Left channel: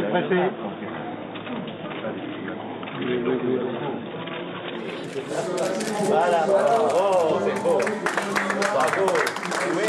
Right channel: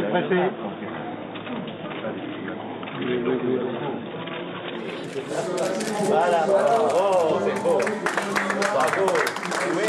c'est pressé. Voilà, oh, c'est beau. Bravo. Oui.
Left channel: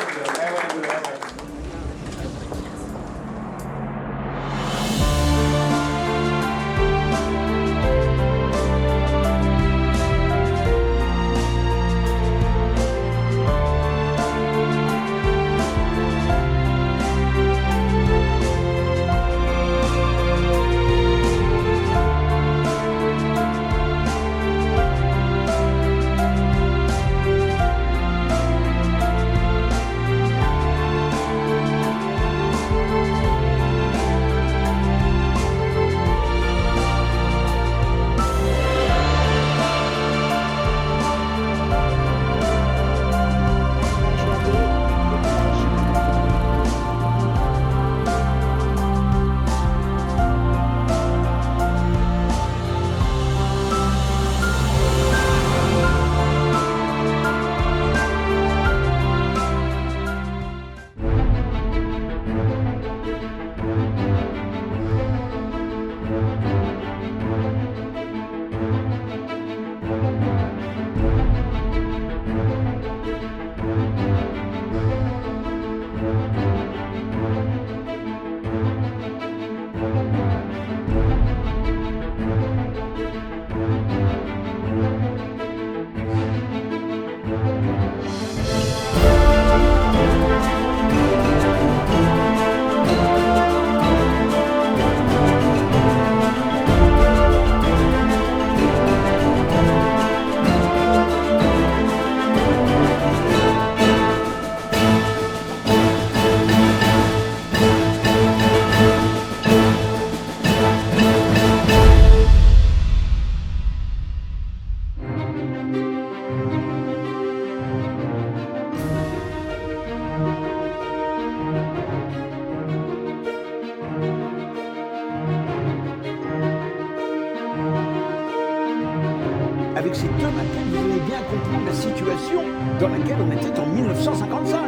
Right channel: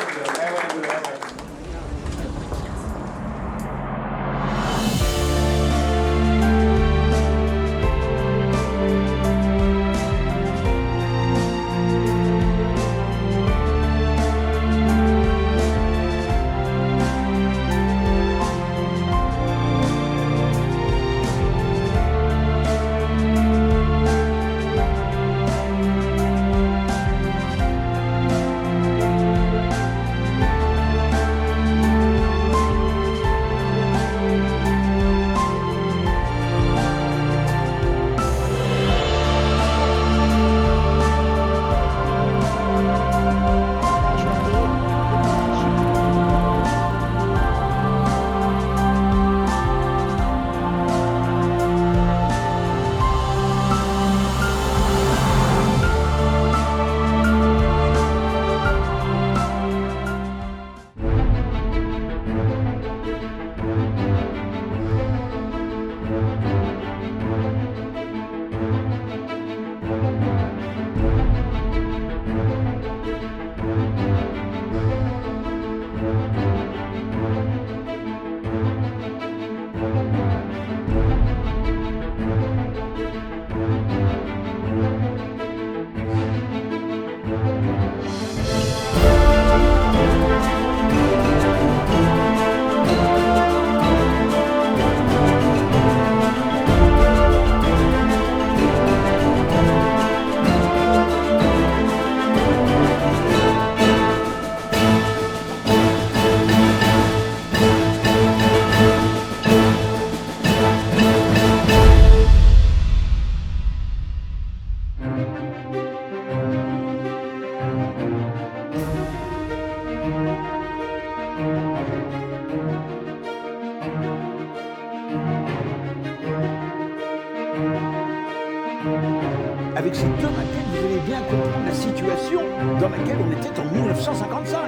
Avec ces deux maquettes, vous allez bien comprendre la situation dans laquelle on était en 1955.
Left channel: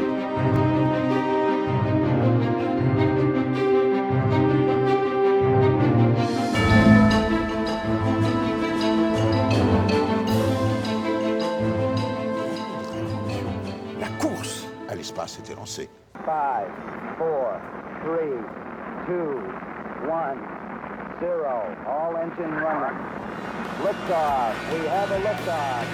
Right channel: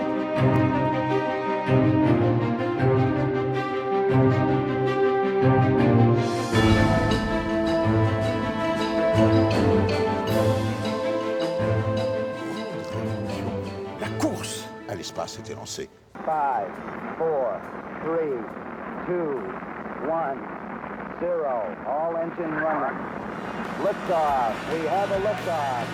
Révolution. La course à l'espace était lancée. 5, 4, 3, 2, 1, 0. All engine running. Liftoff. We have a liftoff.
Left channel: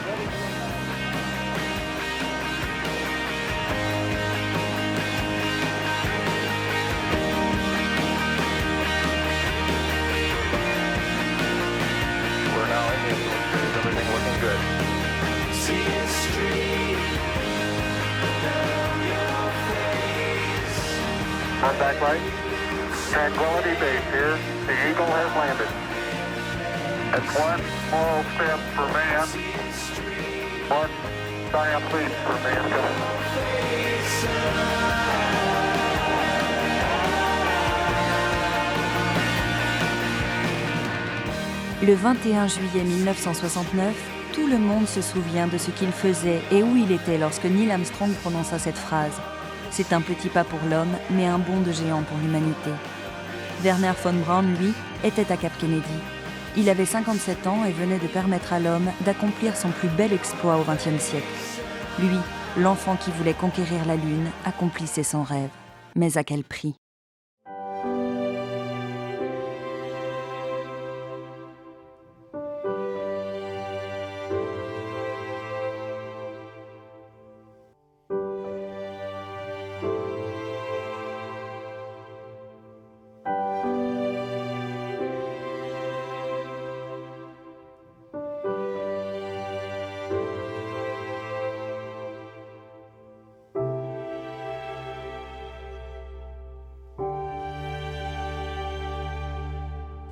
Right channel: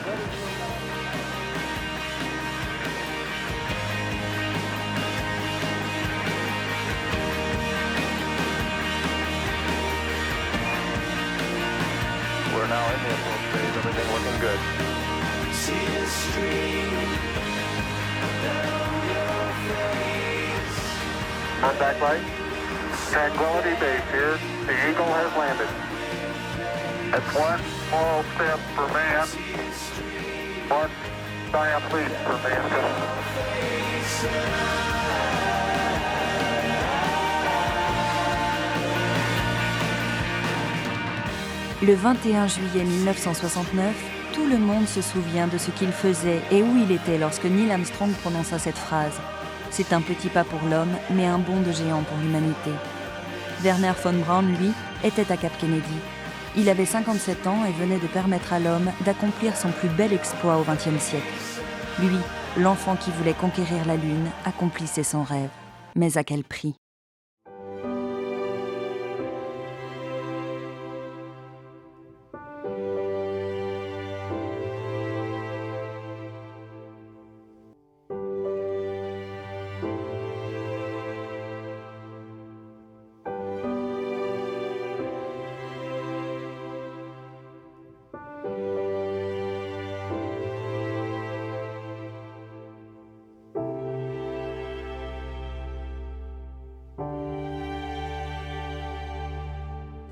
We're now in the influence phase. Everything looking good. See a stream down your face. Contact light. Tranquility Base here. The Eagle has landed. That's one small step for man, one giant leap for mankind. Le 21 juillet 1969, tout le monde se souvient de ce qu'il faisait et où il était lorsque Neil Armstrong prononça cette phrase. C'est un petit pas pour l'homme, mais un bond de géant pour l'humanité. Werner von Braun, lui, était à Cap Kennedy. Il avait 57 ans et venait de permettre à l'homme d'accomplir son plus bel exploit au XXe siècle. Lui, l'enfant qui voulait conquérir la Lune, accomplissait son rêve. Mais à quel prix ?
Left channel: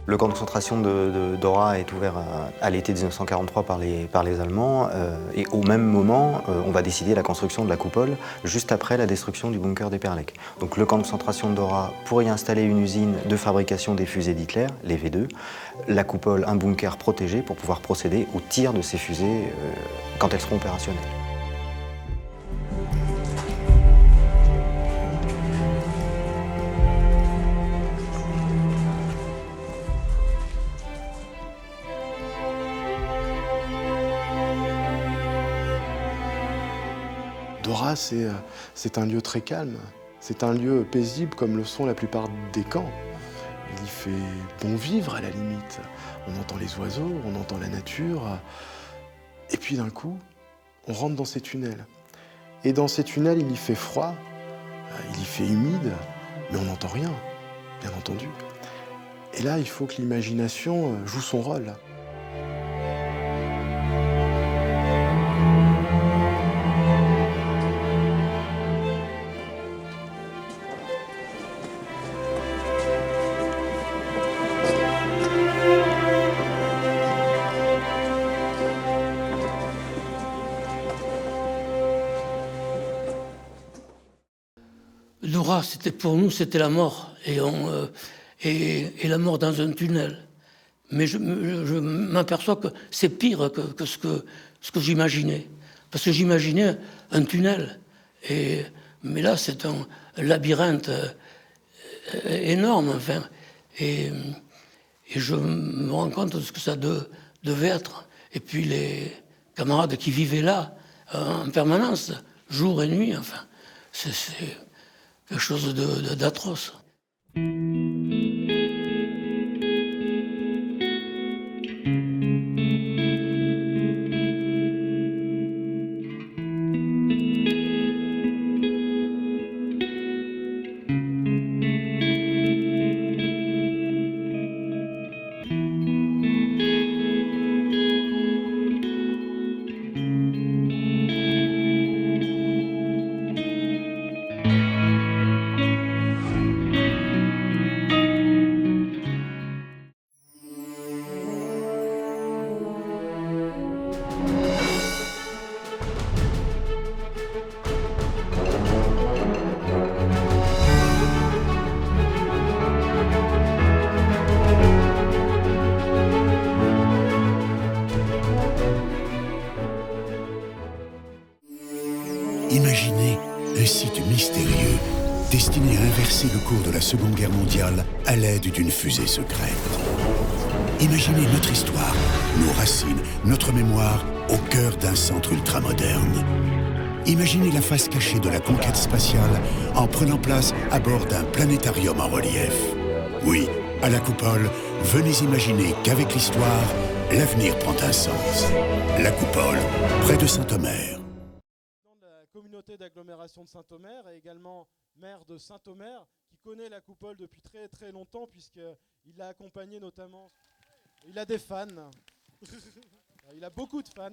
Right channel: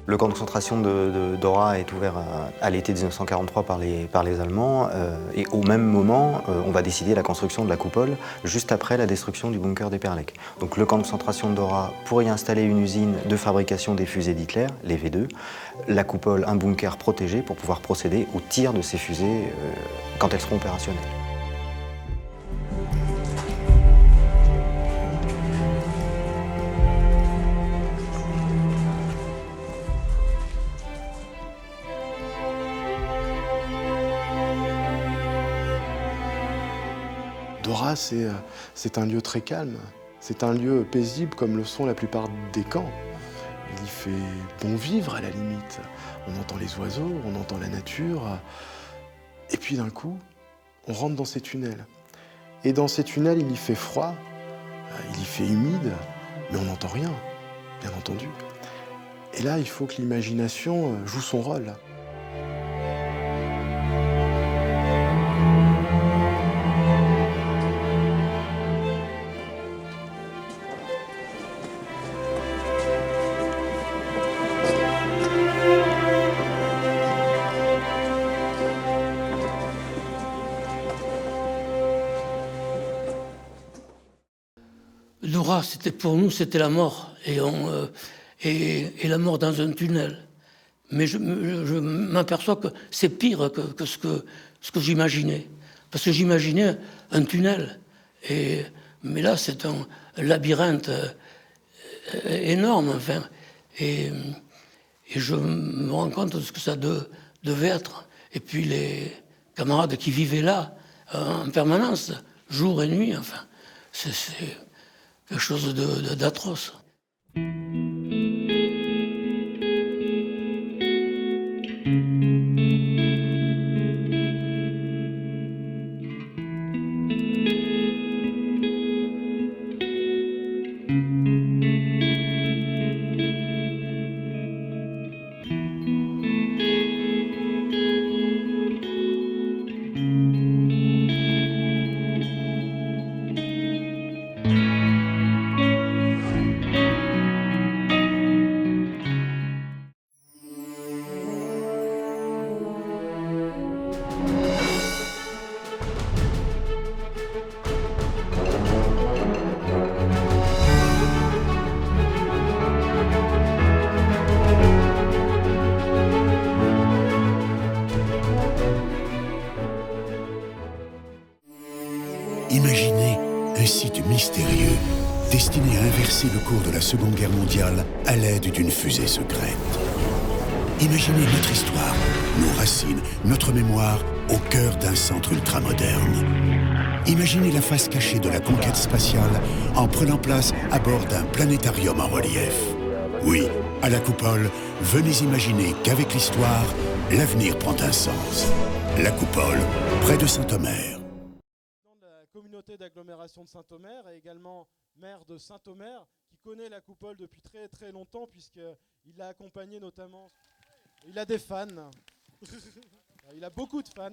Le camp de concentration de Dora est ouvert à l'été 1943 par les Allemands et au même moment, on va décider la construction de la coupole juste après la destruction du bunker d'Eperlek. Donc le camp de concentration de Dora pour y installer une usine de fabrication des fusées d'Hitler, les V2, la coupole un bunker protégé pour pouvoir procéder au tir de ces fusées quand elles seront opérationnelles. Nora, c'est un lieu très calme. C'est un lieu paisible comme le sont la plupart des camps. Il y fait bon vivre à la limite. On entend les oiseaux, on entend la nature. Et puis d'un coup, on rentre dans ces tunnels. Et dans ces tunnels, il y fait froid, il y fait humide, mais on n'entend rien, bien entendu. Et là, il faut que l'imagination joue son rôle. Nora, pour nous, c'était la mort, et la mort dans un tunnel. Mais je m'aperçois que c'est pire que ce que j'imaginais. Parce que j'imaginais un tunnel. Mais là, c'est un labyrinthe énorme, enfin. Et je me rends compte de ce que ça devait être. Et puis les camarades qui vivaient là, en permanence, jour et nuit, enfin. C'est quelque chose d'atroce. Imaginez un site mystérieux destiné à inverser le cours de la Seconde Guerre mondiale à l'aide d'une fusée secrète. Imaginez notre histoire, nos racines, notre mémoire au cœur d'un centre ultramoderne. Imaginez la face cachée de la conquête spatiale en prenant place à bord d'un planétarium en relief. Oui, à la Coupole, venez imaginer qu'avec l'histoire, l'avenir prend un sens. La Coupole, près de Saint-Omer. La communauté d'agglomération de Saint-Omer et également maire de Saint-Omer qui connaît la Coupole depuis très très longtemps puisqu'il l'a accompagné notamment. Il a des fans. Il a beaucoup de fans.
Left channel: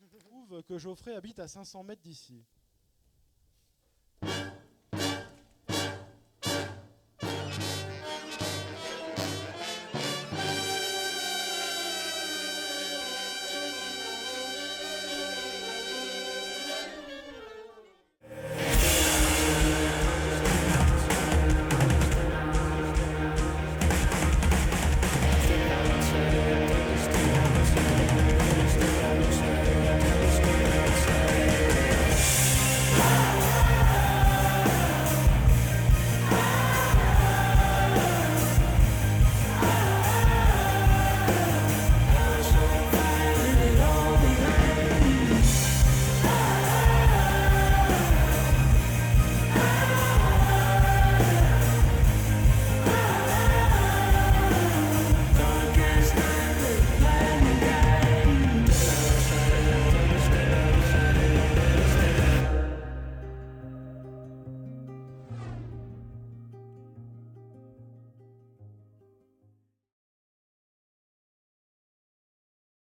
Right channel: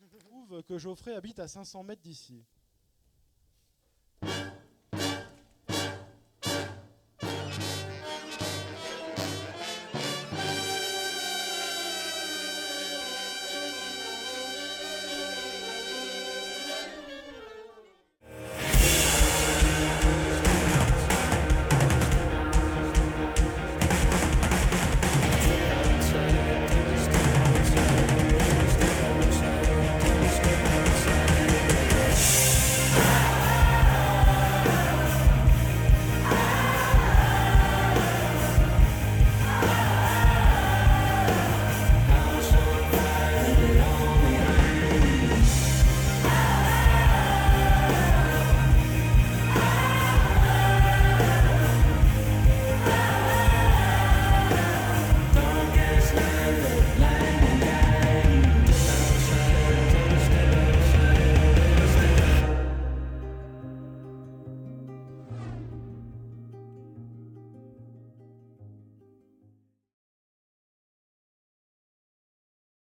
Je trouve que Geoffrey habite à 500 mètres d'ici.